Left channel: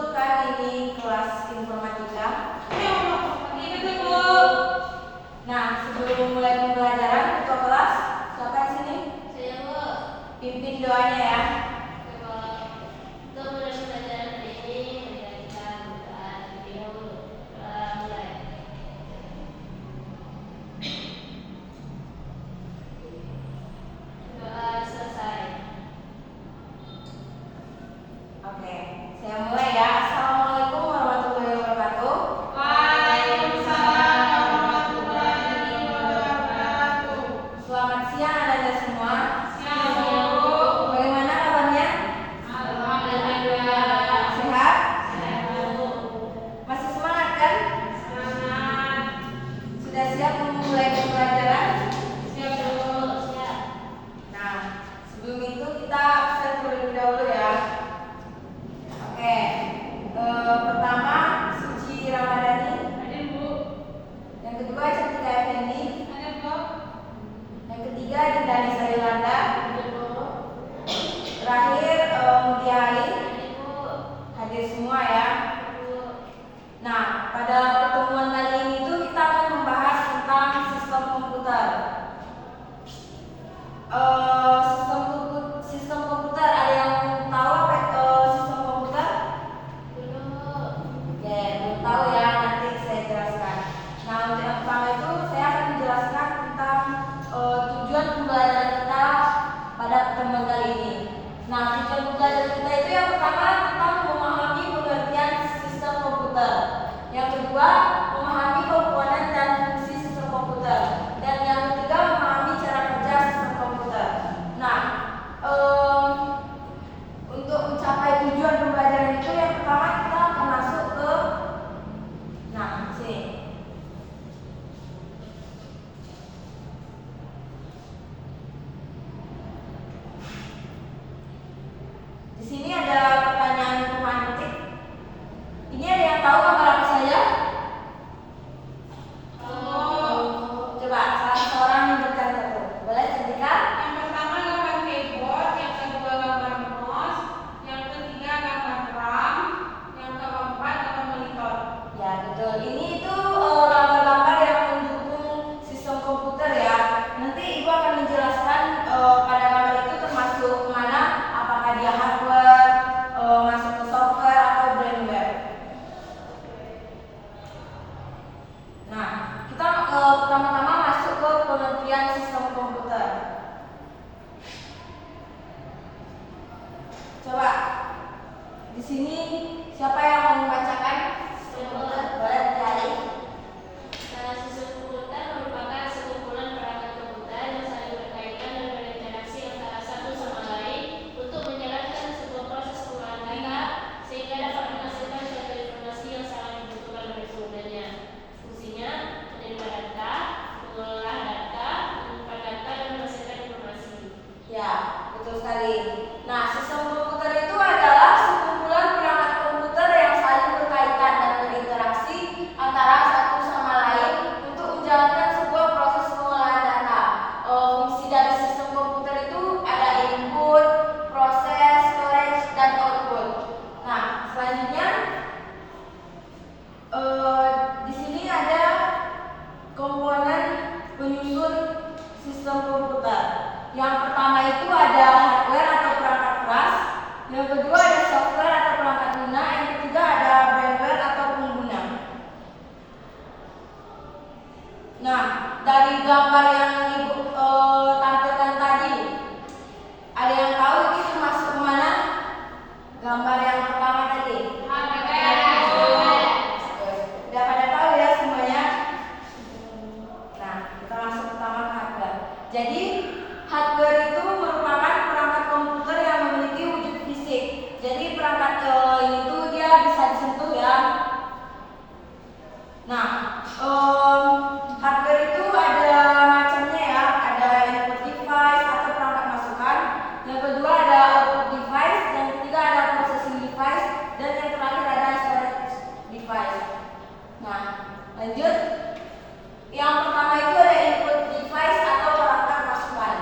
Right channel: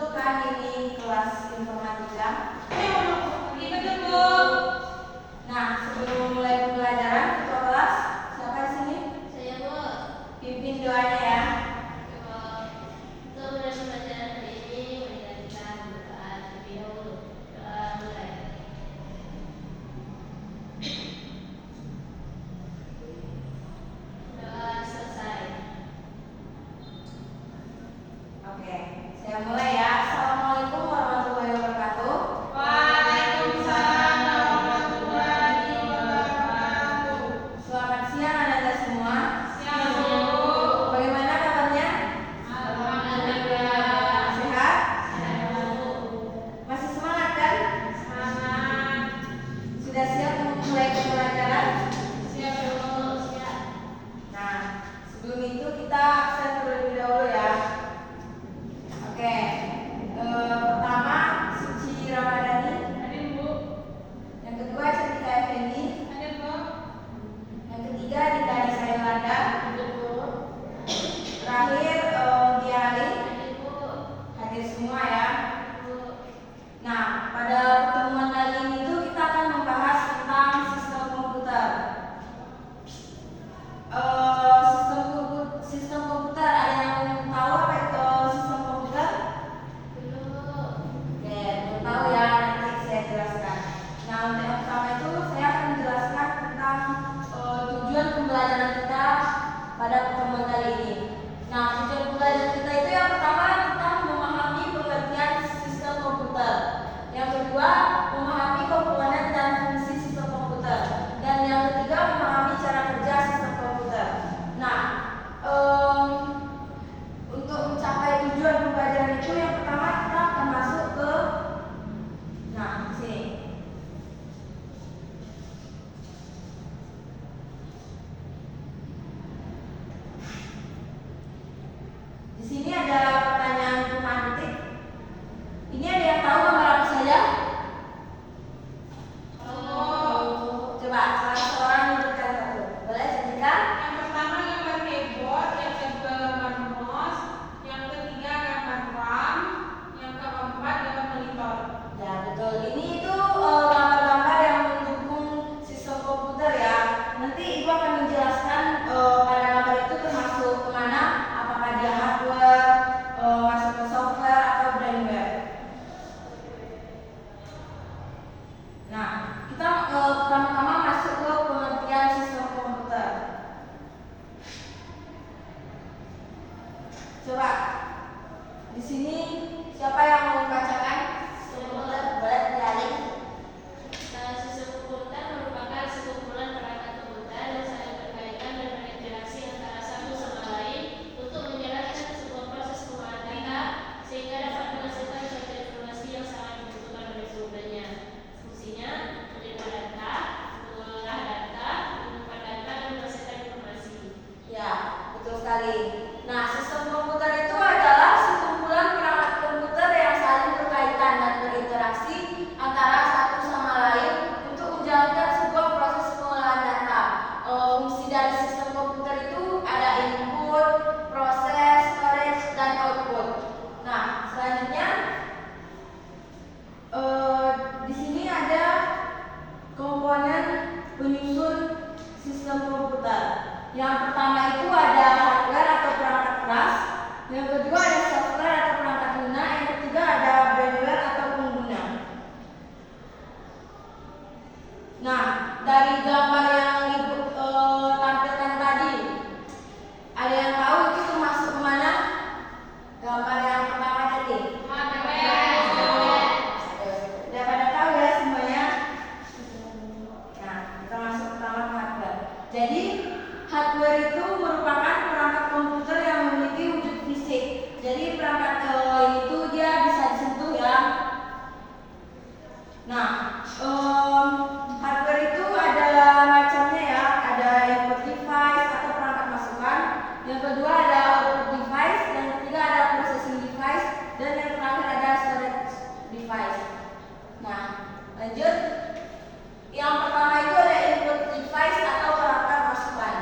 Betul kan ini kelas informatika? Iya betul Bu. Nah, sebelum mulai pembelajaran ketua kelas, siapa di sini? Saya Bu. Pimpin doanya ya. Untuk mulai pembelajaran ini, marilah kita berdoa terlebih dahulu. Doa mulai. Doa selesai. Oke, saya mulai ya. Assalamualaikum warahmatullahi wabarakatuh. Waalaikumsalam warahmatullahi wabarakatuh. Selamat siang anak-anak semua. Siang Bu. Bagaimana kabarnya? Alhamdulillah. Sehat? Sehat Bu. Masih semangat kan? Semangat. Sudah siap memulai pembelajaran? Siap Bu. Siap. Nah, sebelum itu kita absen terlebih dahulu ya. Oke, pertama Suci Ramadhani, Hadir Bu. yang kedua Cantika Effendi, Hadir Bu. yang ketiga Dinda Nisa Yolanda, Hadir Bu. terakhir Mutia Ali. Hadir Bu. Hadir semua ya. Bu. Nah, pada pertemuan kali ini itu kita akan membahas tentang sistem komputer. Sistem komputer, ada yang tahu apa itu sistem komputer? Belum Bu. Oke, belum tahu ya, nanti saya jelaskan. Nah, untuk yang pertama itu saya akan menjelaskan tentang tujuan pembelajaran kita pada pertemuan kali ini. Nah, tujuan pembelajaran kita itu yang pertama tentang memahami pengertian sistem komputer. Yang kedua, memahami komponen dan fungsi sistem komputer. Dan yang ketiga, memahami cara kerja sistem komputer. Nah, untuk mencapai tujuan pembelajaran itu yang pertama kita akan masuk ke sini. Di sini ada pertanyaan informatif. Ini ada yang tahu gambar apa saja? Coba salah seorang menyebutkan satu. Boleh Cantika? Yang pertama gambar keyboard, yang kedua gambar mouse, yang ketiga gambar RAM, yang keempat gambar monitor. Ya betul. Ini itu gambar-gambar yang mendukung sistem komputer ya. Nanti Ibu akan menjelaskan pada gambar itu termasuk kemana, apakah dia hardware, masuk ke software atau brandware. Nah, kita pertama-tama masuk ke pengertian sistem komputer. Coba di sini siapa yang mau membacakan sistem komputer? Boleh cari. Sistem komputer merupakan sekumpulan perangkat komputer yang saling berkaitan dan berinteraksi antara satu sama lain untuk menjalankan sebuah proses pengolahan data sehingga dapat menghasilkan suatu informasi yang sangat dibutuhkan oleh penggunanya. Fungsinya menerima data, mengolah data, menyimpan data, dan menghasilkan informasi. Ya, betul sekali. Nah, sistem komputer itu adalah sekumpulan perangkat komputer yang saling berkaitan dan berinteraksi antara satu sama lain untuk menjalankan sebuah proses pengolahan data. Fungsi dari sistem komputer itu ada input, proses, storage, dan output. Nah, selanjutnya di sini ada komponen penyusun sistem komputer. Yang pertama itu ada hardware atau perangkat keras, yang kedua ada software atau perangkat guna, yang ketiga ada brandware atau pengguna. Nah, dari gambar yang Ibu tampilkan tadi, ada yang tahu itu termasuk kemana? Gambar yang pertama tadi. Udah pada tahu ya semuanya? Nah, kita masuk pertama ke hardware. Jadi, hardware itu merupakan perangkat komputer yang memiliki wujud fisik. Jadi, perangkat ini tuh dia bisa disentuh ya. Nah, hardware itu ada macamnya ya. Ada input device atau perangkat masukan. Yang kedua ada output device. Yang ketiga ada processing device. Dan yang terakhir ada storage device. Nah, lanjut. Yang pertama itu ada input device atau perangkat masukan.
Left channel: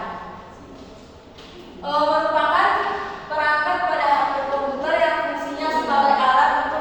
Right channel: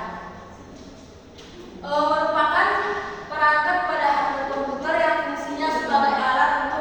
Merupakan perangkat pada hardware komputer yang fungsinya sebagai alat untuk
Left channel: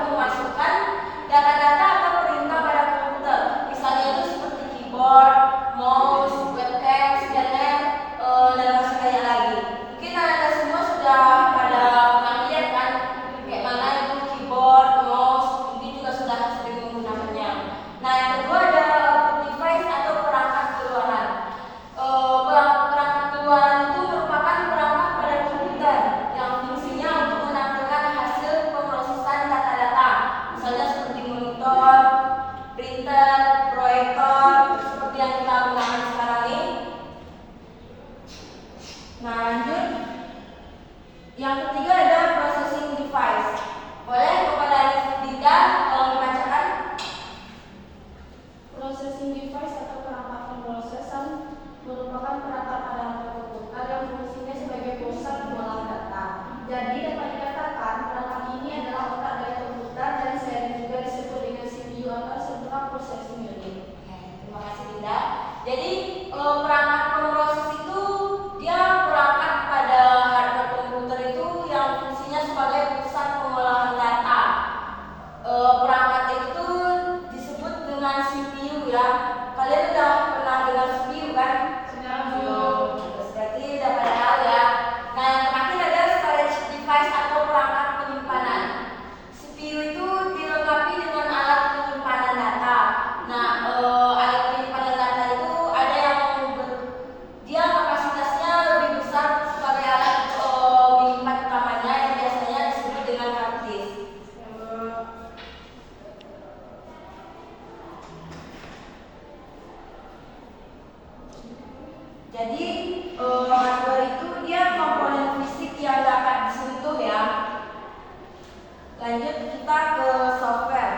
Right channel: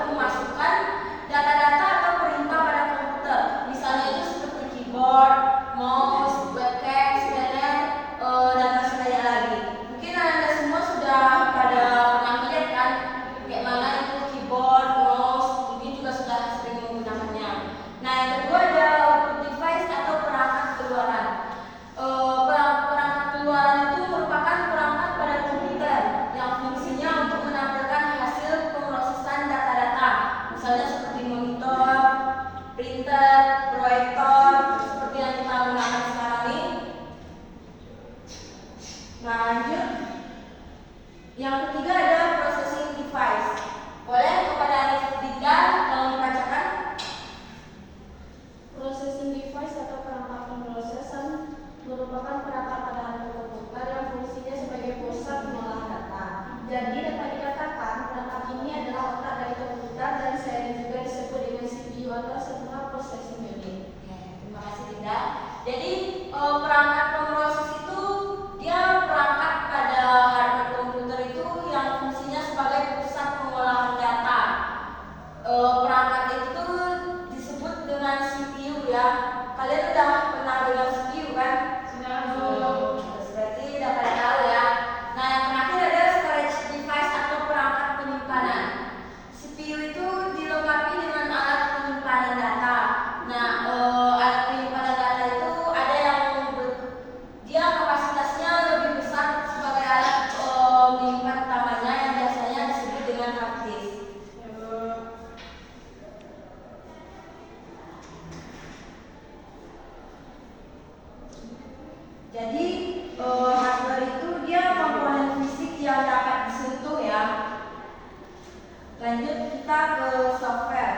Lanjut kita ke software.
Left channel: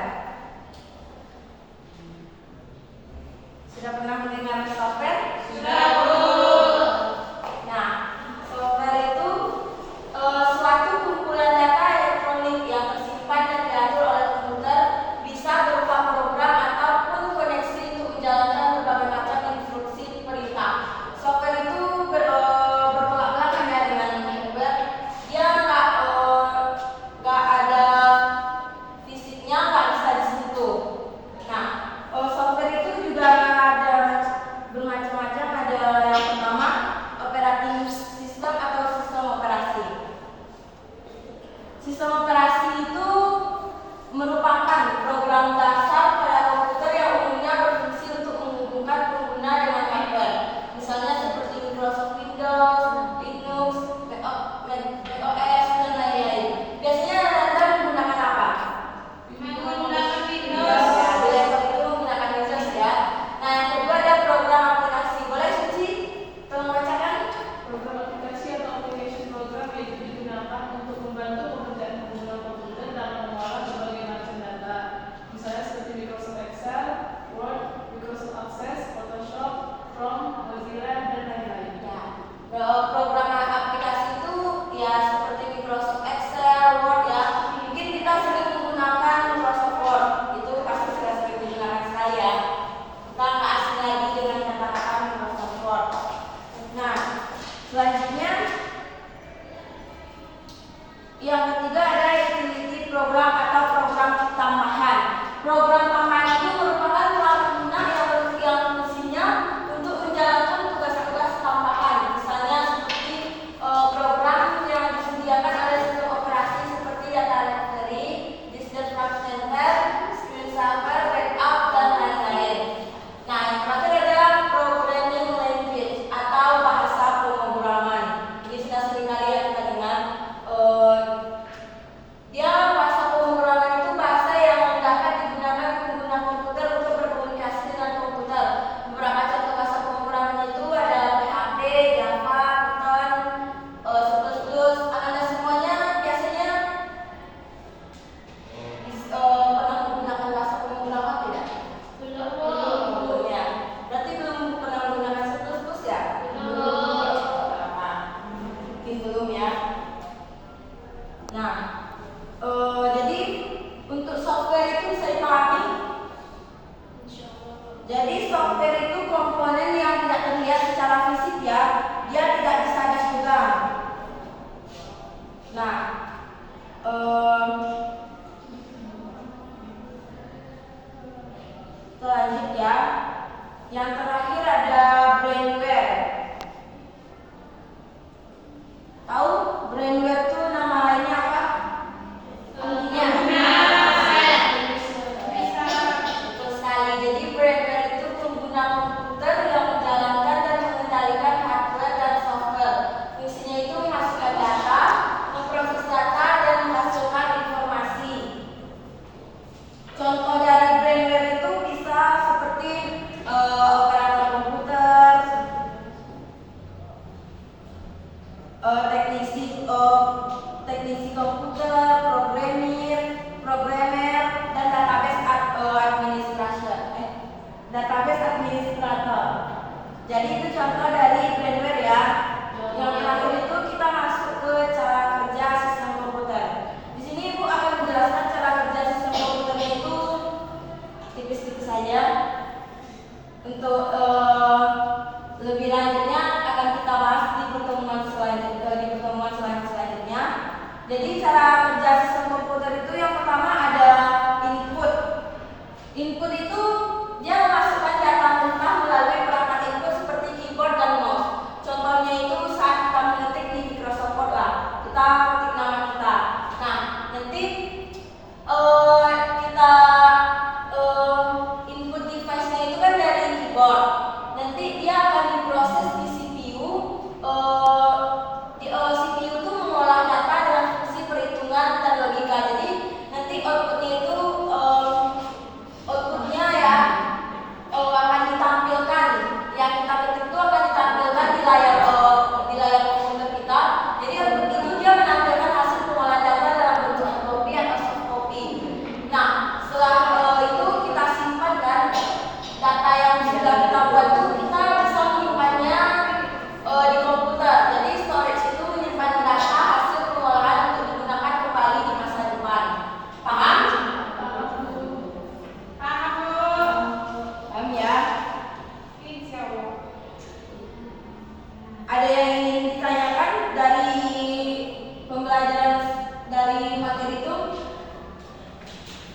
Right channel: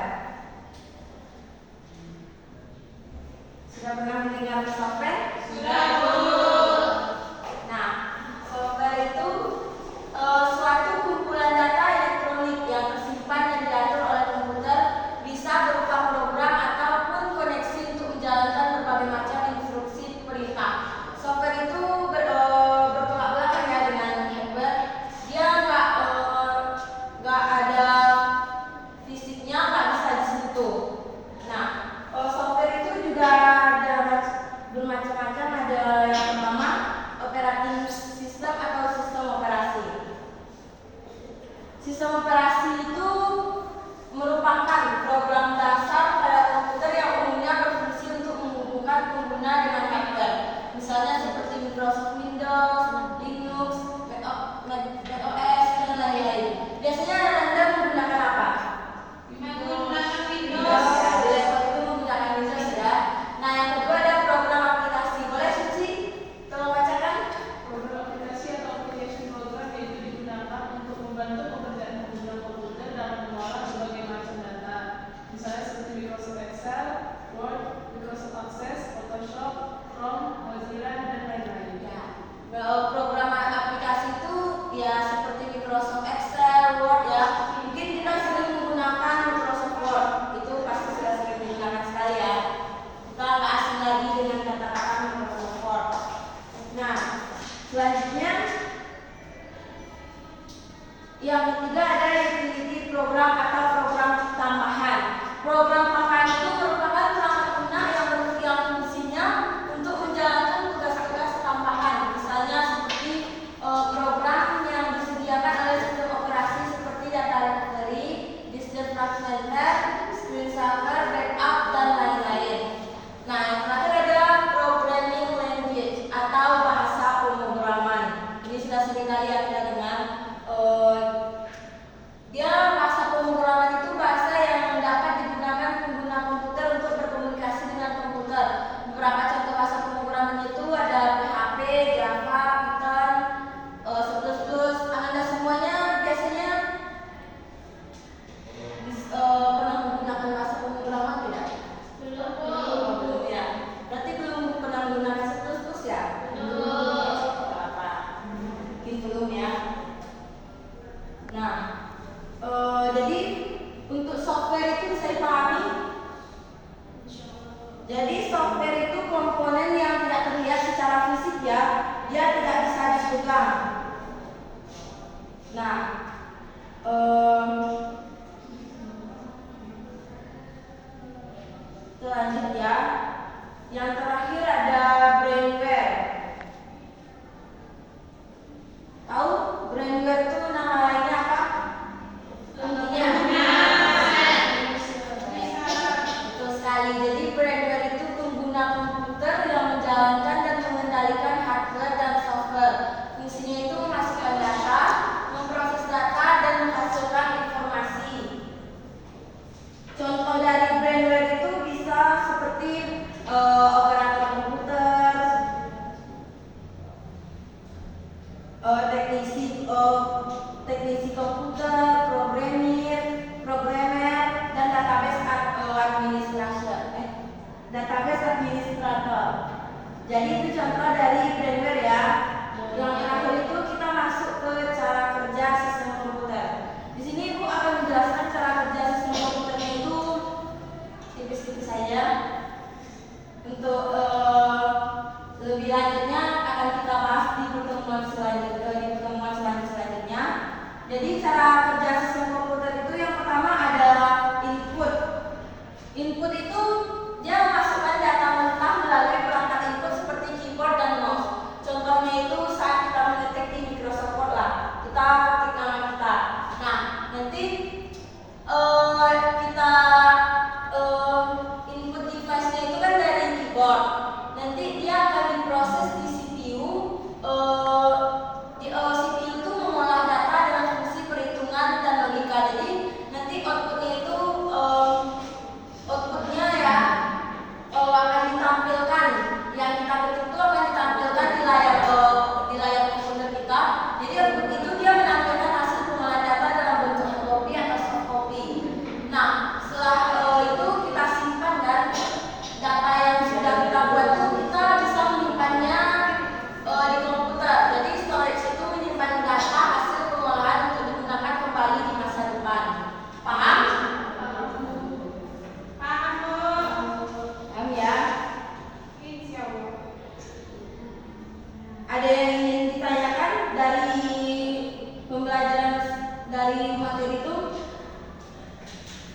Sudah pernah mendengar software? Sudah, Bu. Nah, software itu suatu kumpulan data elektronik yang tersimpan dan diatur oleh komputer, bisa berupa program ataupun koneksi untuk menjalankan berbagai macam instruksi perintah. Software itu bertolak belakang ya dengan hardware. Dia nggak ada visi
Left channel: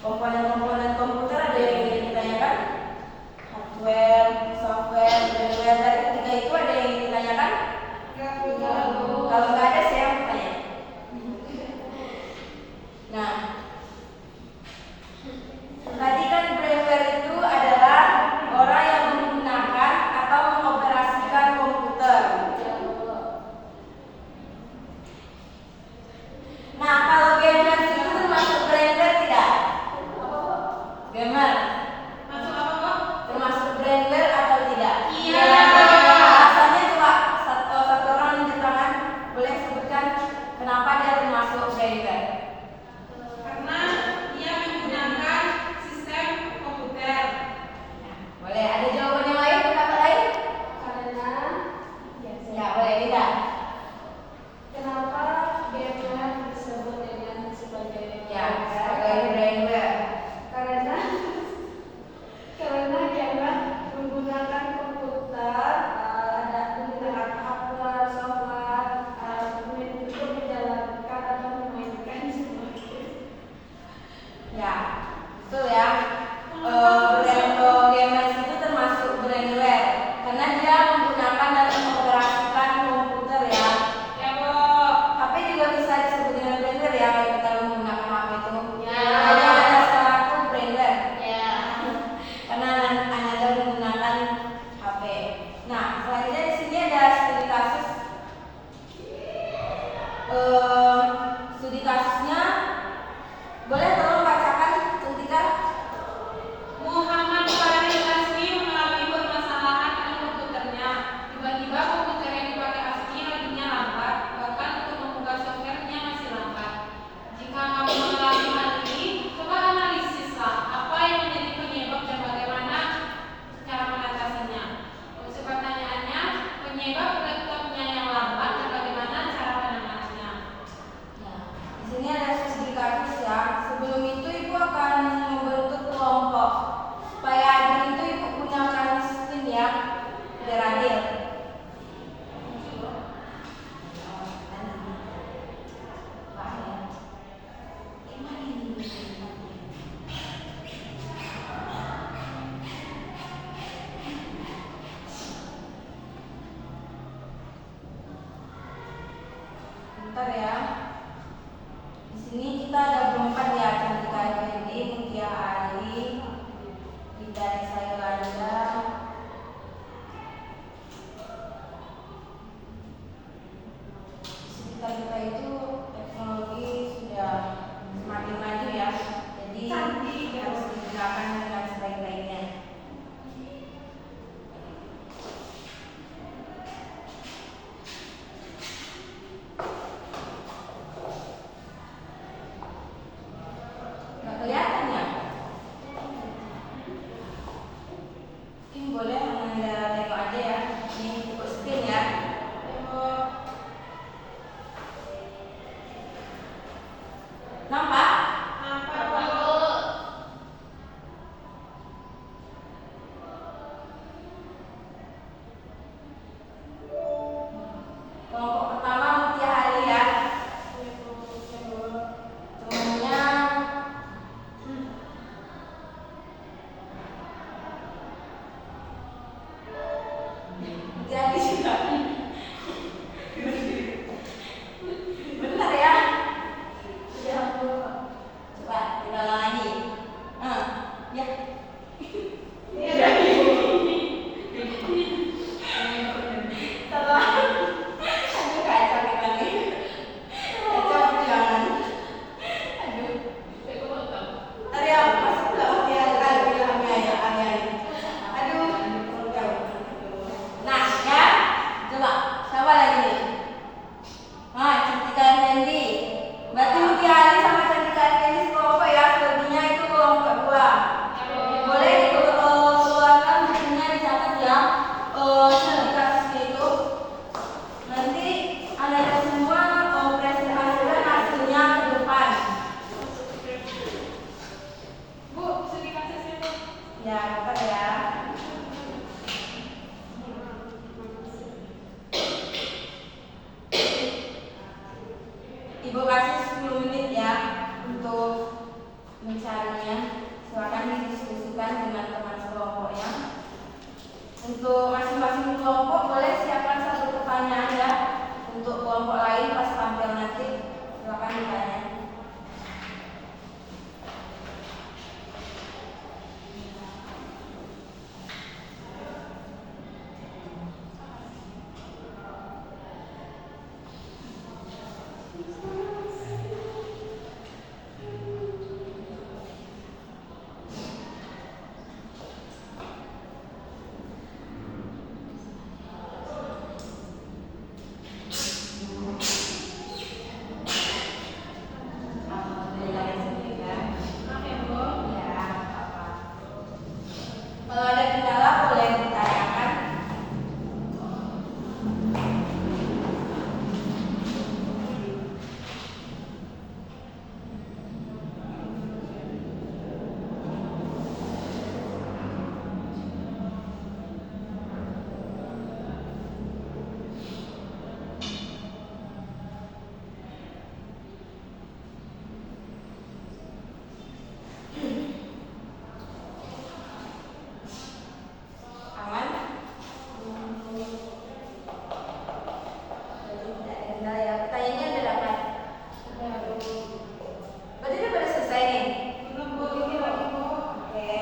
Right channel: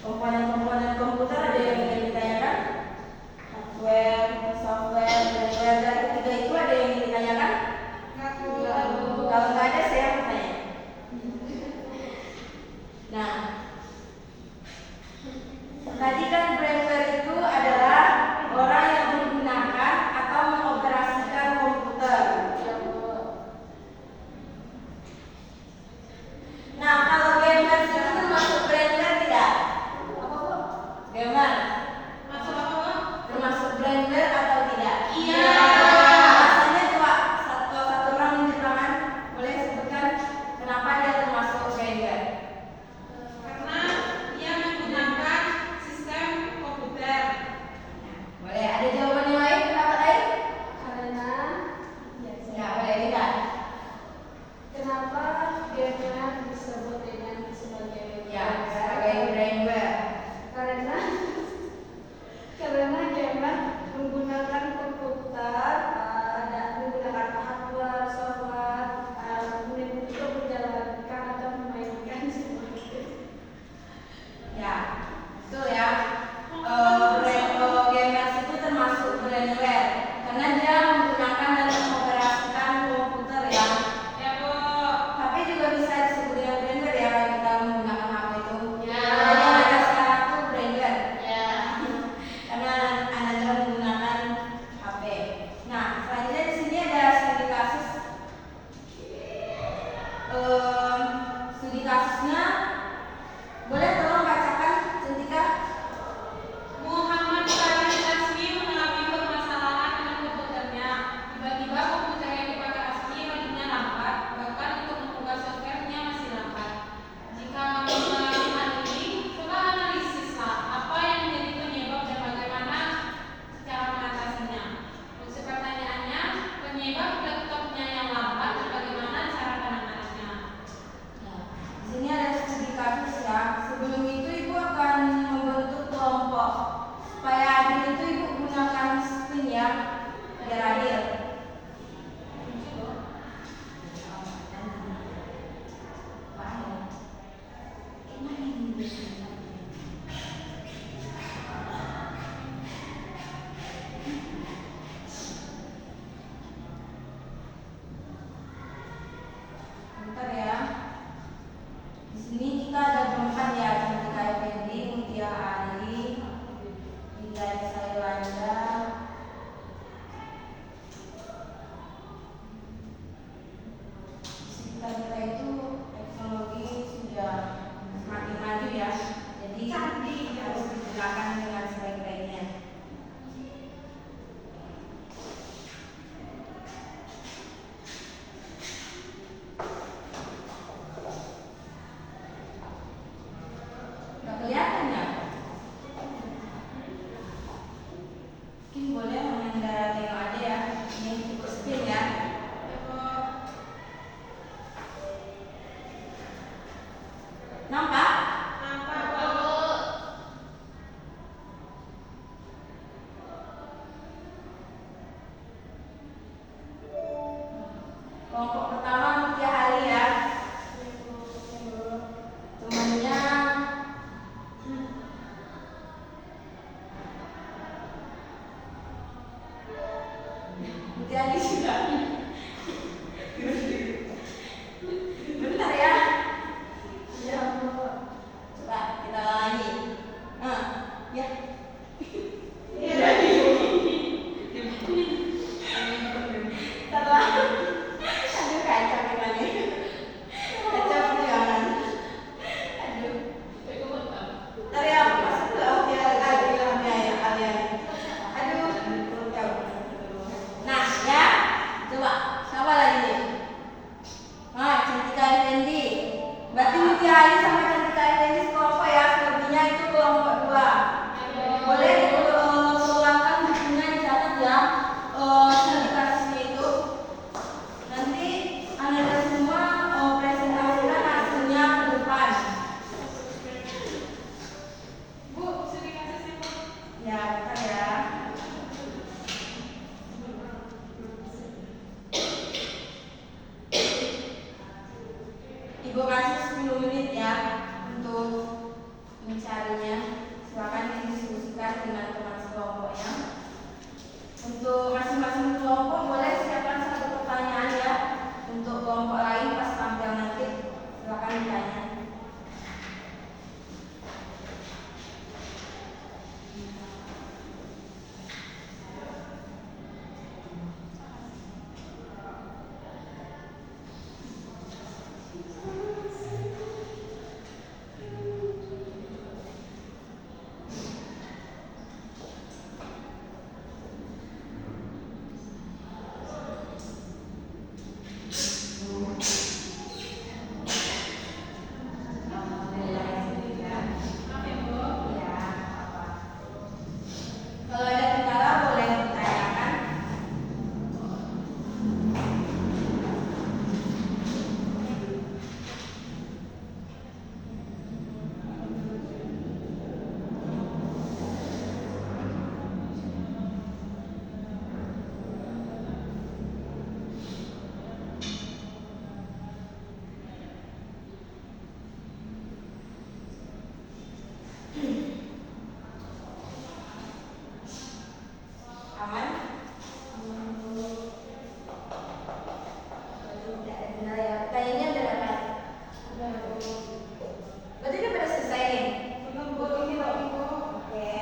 komponen-komponen komputer ada yang ingin ditanyakan? Hardware, software, firmware, dari ketiga itu ada yang ingin ditanyakan? Kalau nggak ada saya bertanya. Nah, tadi kan braver itu adalah orang yang menggunakan atau mengoperasikan komputer. Nah, kalau gamer itu termasuk braver tidak? Gamer termasuk braver atau tidak? Iya. Alasannya tuh Pak, satu orang di tangan boleh sebutkan kenapa dia termasuk braver? Karena ia menggunakan sistem komputer. Boleh ada jawaban yang lain, pendapat lain? Karena Ya, boleh tidak? kenapa gamer disebut dengan sebagai Ya, sebagai braver. karena gamer menggunakan komputer, ada menggunakan hardware, software, kemudian untuk menjalankan atau memainkan semua itu. Ya, betul ya. Gamers itu termasuk braver karena dia menggunakan dan mengoperasikan komputer ya. Ya, Bu. Tapi juga bisa disebut dengan braver ya kalau kita menggunakan HP itu. Ya. Jadi ada salah satu braver Ya. karena Anda menggunakan HP. Nah, selanjutnya di sini ada studi kasus. Studi kasusnya boleh tolong bacakan Cantika? Muhammad Farid Asmi mengalami permasalahan dengan komputernya. Tiba-tiba komputer yang dipakai Asmi lajunya lambat, bahkan untuk membuka softwarenya masih lambat. Jika kamu mengalami hal ini, coba analisislah apa yang menjadi penyebab dan bagaimana cara mengatasinya. Untuk pertanyaannya, penyebab laptopnya yang lambat dan bagaimana cara penanganannya. Nah, di sini ada studi kasus ya. Sebelum itu ibu akan membentuk kelompok. Supaya adil itu ibu gunakan sistem ya, biar adil. Bentar ya. Di sini kita ada berempat ya, Cantika Effendi, Mutia Ali, Ida Nisa Yolanda. Di sekitar kita itu teknologi sudah semakin maju ya, jadi harus digunakan dengan sebaik-baiknya. Nggak kelihatan ya? Mungkin boleh Anda tengok aja ya. Ini cukup screen ya. Nampak? Nampak, Bu. materinya. Silakan didiskusikan dengan teman sekelompoknya. Untuk masing-masing kelompok boleh siapkan satu pertanyaan ya. Untuk kelompok lain pas tampil nanti silakan ditanya. Maaf ya, Bu. Ya, apa? Kalau ada kendala boleh ditanyakan. Aman? Tidak ada kendala ya. Pertanyaannya ada dapat? Berarti udah pada selesai nih? Belum, Bu. Ini lagi, Bu. Oke.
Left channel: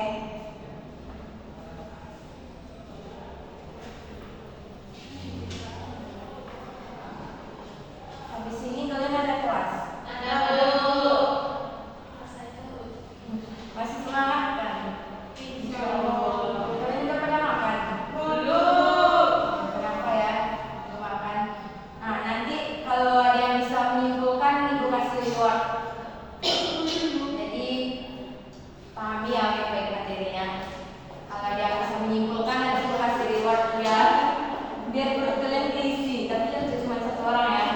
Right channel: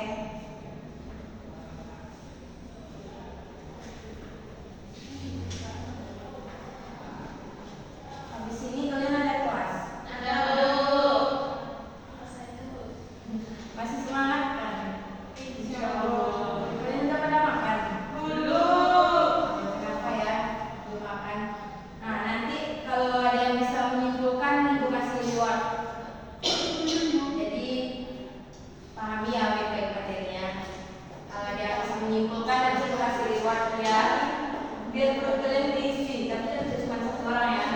Habis ini kalian ada kelas. Ada dulu. Masih semangat kan? Insya Allah. Kalian udah pada makan? Belum. Kenapa ya? Belum makan. Nah, nanti kalau ada yang bisa menyimpulkan, Ibu kasih reward. Jadi pahami ya baik-baik materinya. Kalau ada yang bisa menyimpulkan, nanti Ibu kasih reward ya. Biar perut kalian diisi, tapi jangan cuma satu orang ya.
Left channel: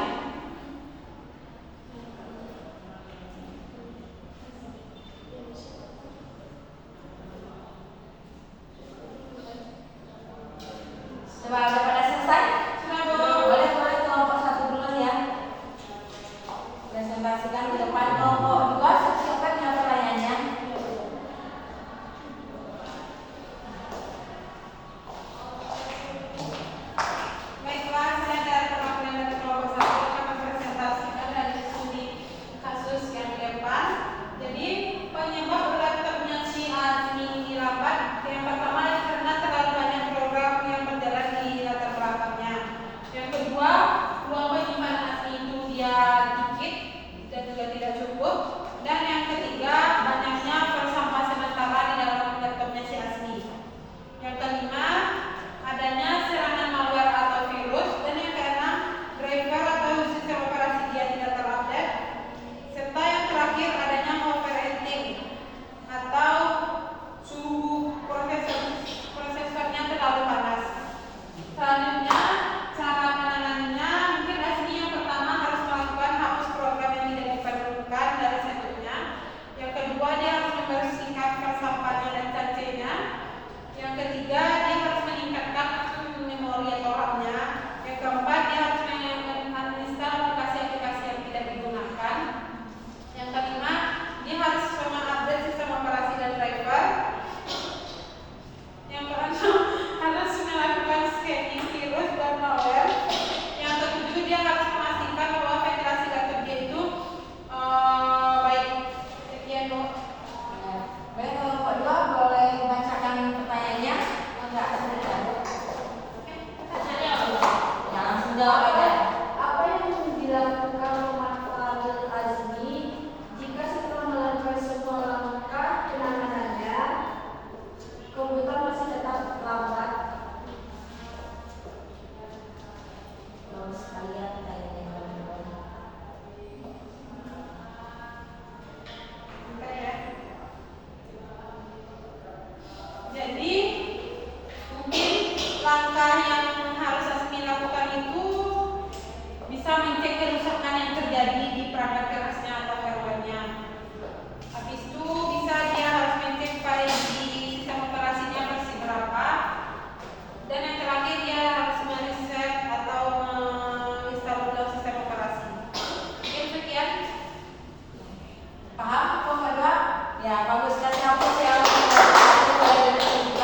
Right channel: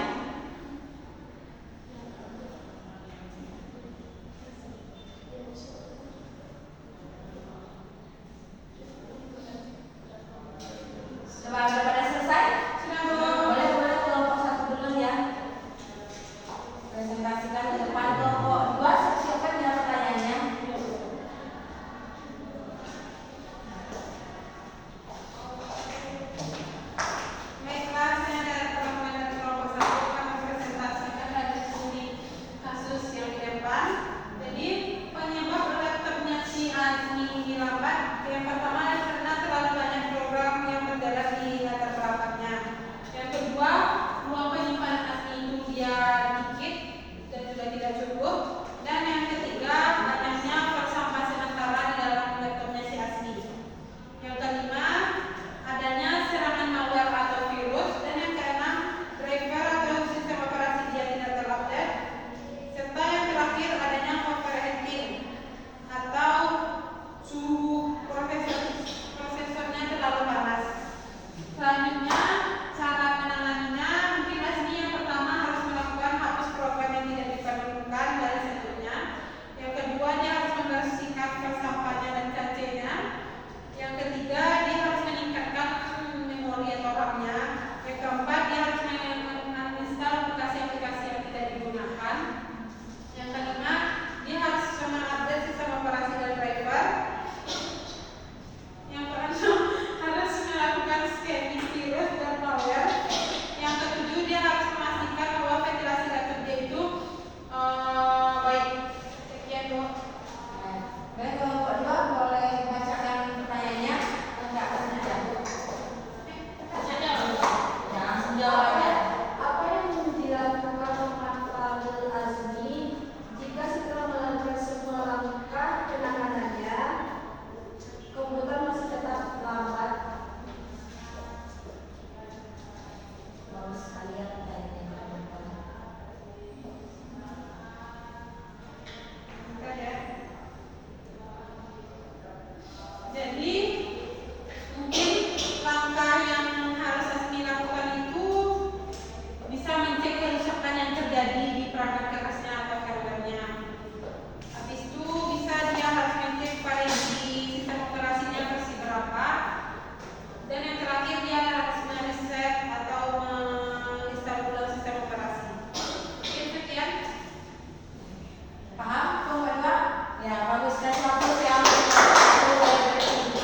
hapus yang kelompok 1.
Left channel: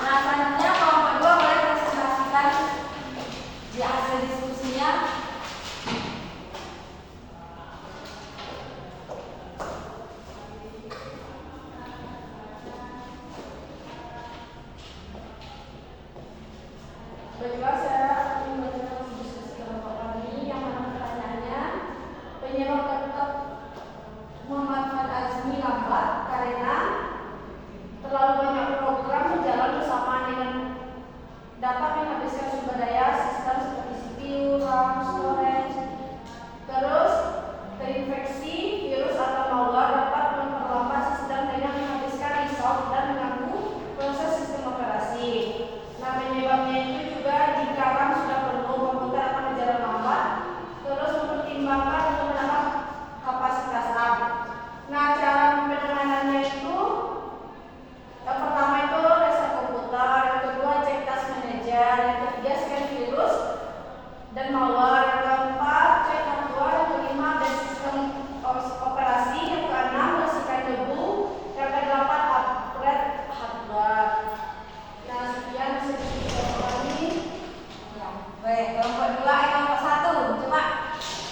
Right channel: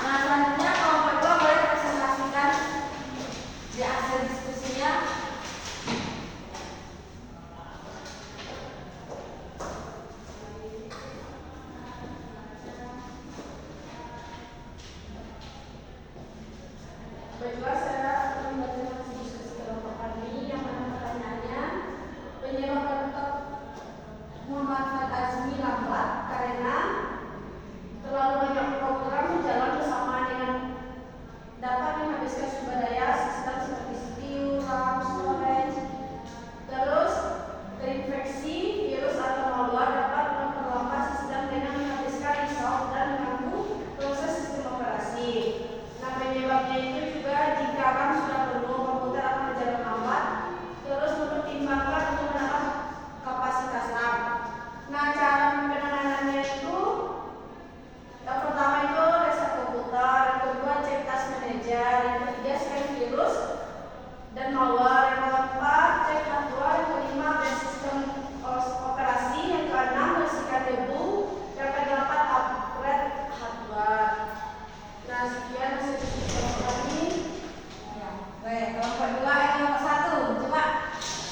Nah, selanjutnya kelompok 2 boleh presentasikan di hasil diskusinya. Baiklah, saya akan membacakan diskusi kelompok kami yang mana pertanyaannya, penyebab laptop Muhammad Fuad Azmi lambat karena terlalu banyak program berjalan bersamaan dengan dapat menghabiskan sumber daya sistem seperti CPU, RAM, storage. Terus, terinfeksi virus atau malware dapat memperlambat sistem dengan menghabiskan resource dan mengganggu proses sistem operasi. Nah, penyebabnya itu juga jika RAM sudah penuh, komputer akan berjalan lambat. Terus mempertimbangkan penggunaan kapasitas RAM. Nah, cara penanganannya itu yang pertama itu reset komputer, yang kedua cek task manager, yang ketiga scan virus dan malware, yang keempat cek hardware, yang kelima update sistem operasi, yang keenam bersihkan debu, yang kedelapan upgrade hardware. Nah, sekian diskusi kelompok kami. Ya, baik, kelompok 2 kelompok 1. Coba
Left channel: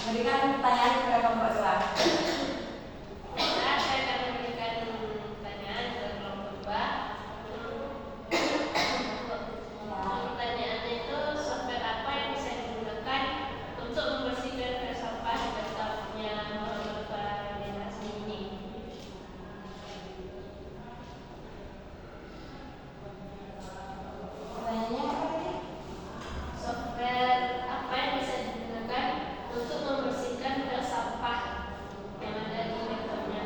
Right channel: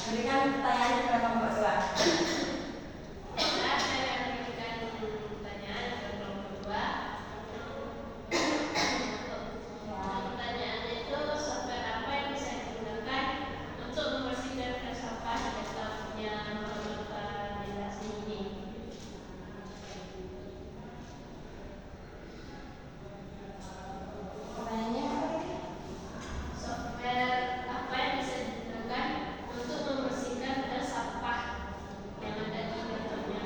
berikan pertanyaan kepada kelompok 2. Nah, saya akan memberikan pertanyaan ke kelompok 2. Pertanyaannya itu, software apa yang bisa digunakan untuk membersihkan file sampah laptopnya Muhammad Fuad Azmi ini? Pertanyaannya apa tadi? Software apa yang bisa digunakan untuk membersihkan file sampah yang ada di laptopnya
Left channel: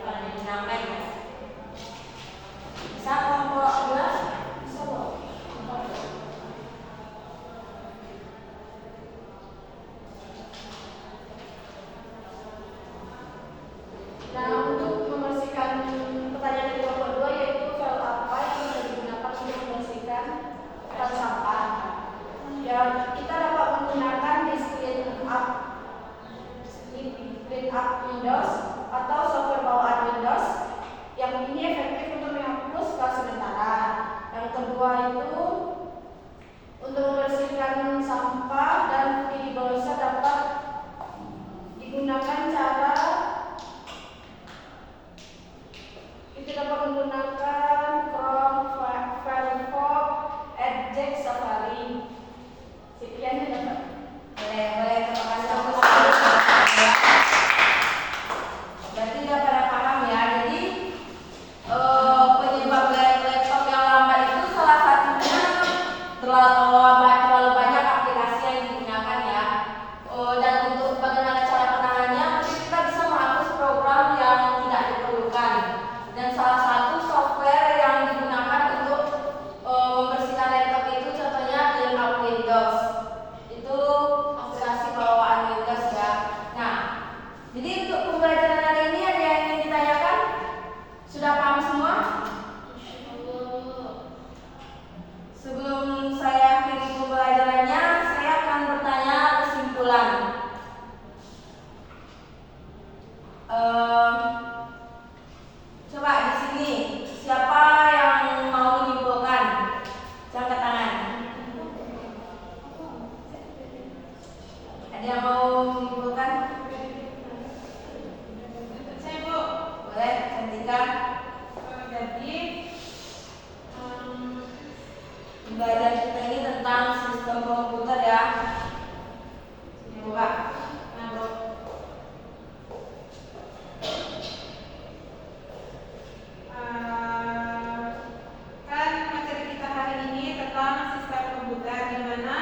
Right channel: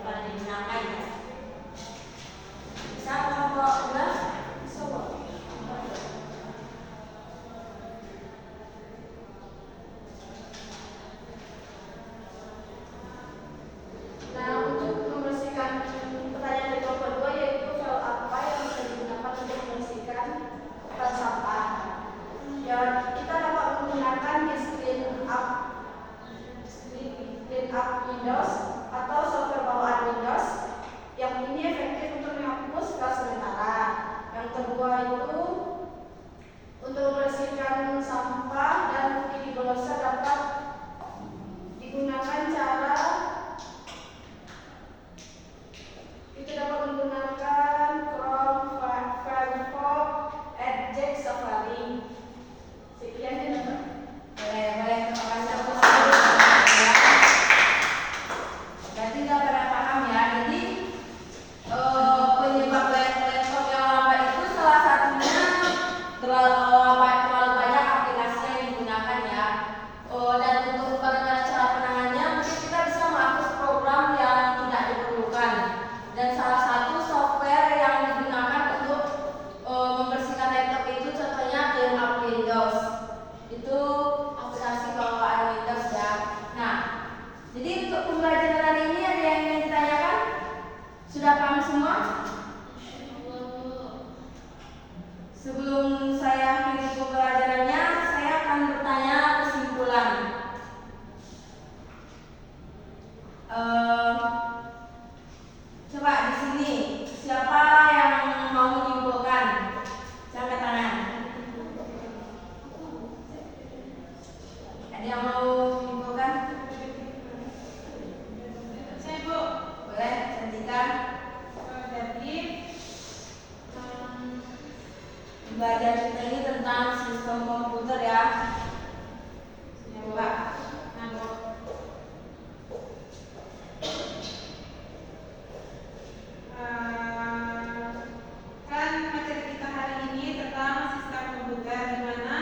Kalau digunakan ya. Bisa kelompok 2? Bisa, Bu? Nah, untuk membersihkan pertanyaan dari kelompok 2 yaitu file apa yang bisa digunakan untuk membersihkan file sampah. Ya, kita dapat menggunakan disk clean up Windows atau software bawaan Windows yang ini efektif untuk menghapus file sementara. Yang kedua itu untuk membersihkan sampah dan ini browser dapat digunakan cara itu dapat menggunakan Chrome, Firefox, Edge, Safari. Sekian ya, Bapak. Boleh tambahkan satu. Berarti udah pada paham ya. Jadi penyebab laptop yang lambat itu salah satunya terlalu banyak aplikasi yang digunakan ya. Dan untuk bagaimana cara penanganannya, mungkin kita bisa menghapus program yang tidak diperlukan. Dan salah satu software yang digunakan untuk membersihkan laptop itu contohnya Clean Up Windows. Itu aplikasi bawaan Windows ya. Nah, jadi untuk pembelajaran hari ini ada yang ingin ditanyakan? Sudah paham semua? Sebelum saya akhiri pembelajarannya, saya akan bertanya kesimpulan. Coba di sini siapa yang mau menyimpulkan? Saya angkat tangan. Ada yang mau menyimpulkan? Saya, Bu. Boleh, cantikan. Jadi Pembelajaran kita ini tentang sistem komputer ya. Coba. nah, Bu, kan materi kita hari ini tentang sistem komputer, di mana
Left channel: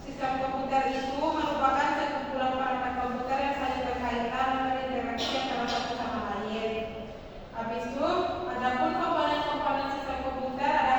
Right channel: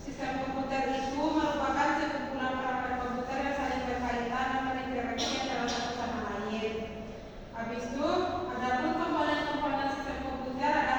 sistem komputer itu merupakan sekumpulan perangkat komputer yang saling berkaitan dan berinteraksi antara satu sama lain. Habis itu, adapun komponen-komponen sistem komputer ada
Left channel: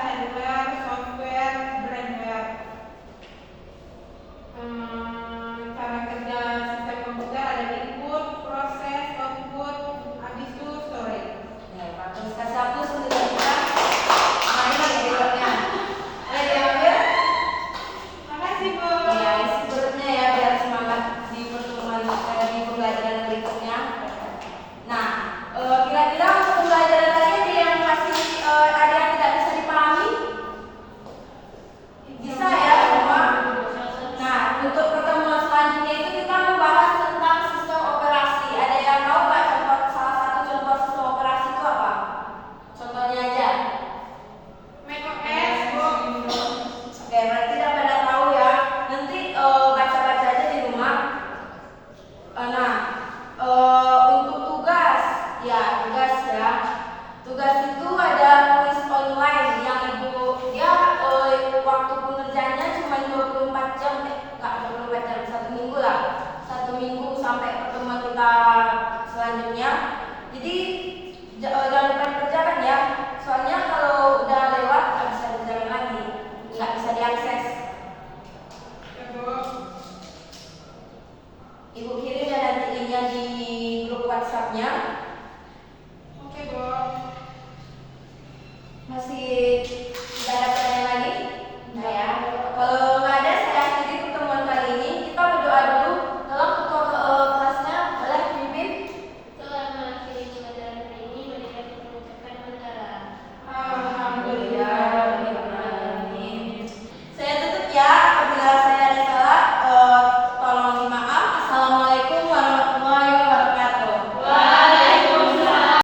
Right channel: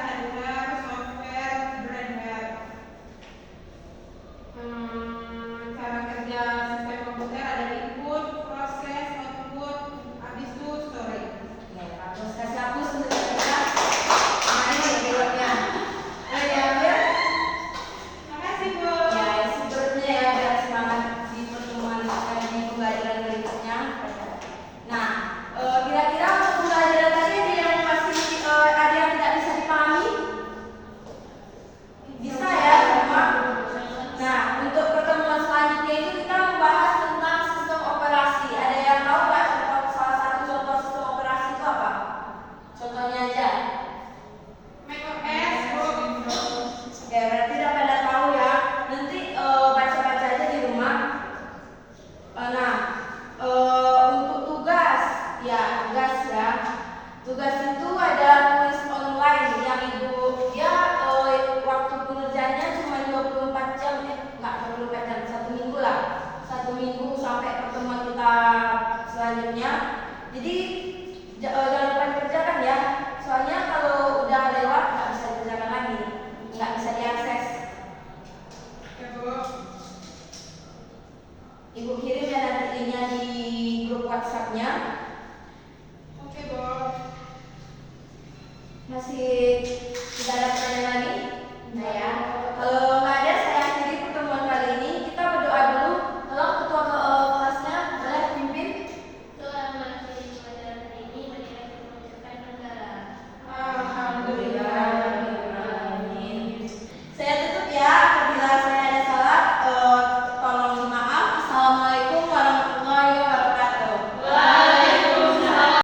Ya, tugas ya. Tugas itu ada kuis online yang ibu ya waktu pengerjaannya cuma 24 jam, enggak 24 jam, 1 minggu lah. 1 minggu sampai pertemuan kita selanjutnya. Jadi jangan lupa dikerjakan ya. Soalnya kalau udah lewat nggak bisa dikerjakan lagi, nggak bisa diakses. Ibu kirim ya nanti linknya di grup WhatsApp-nya.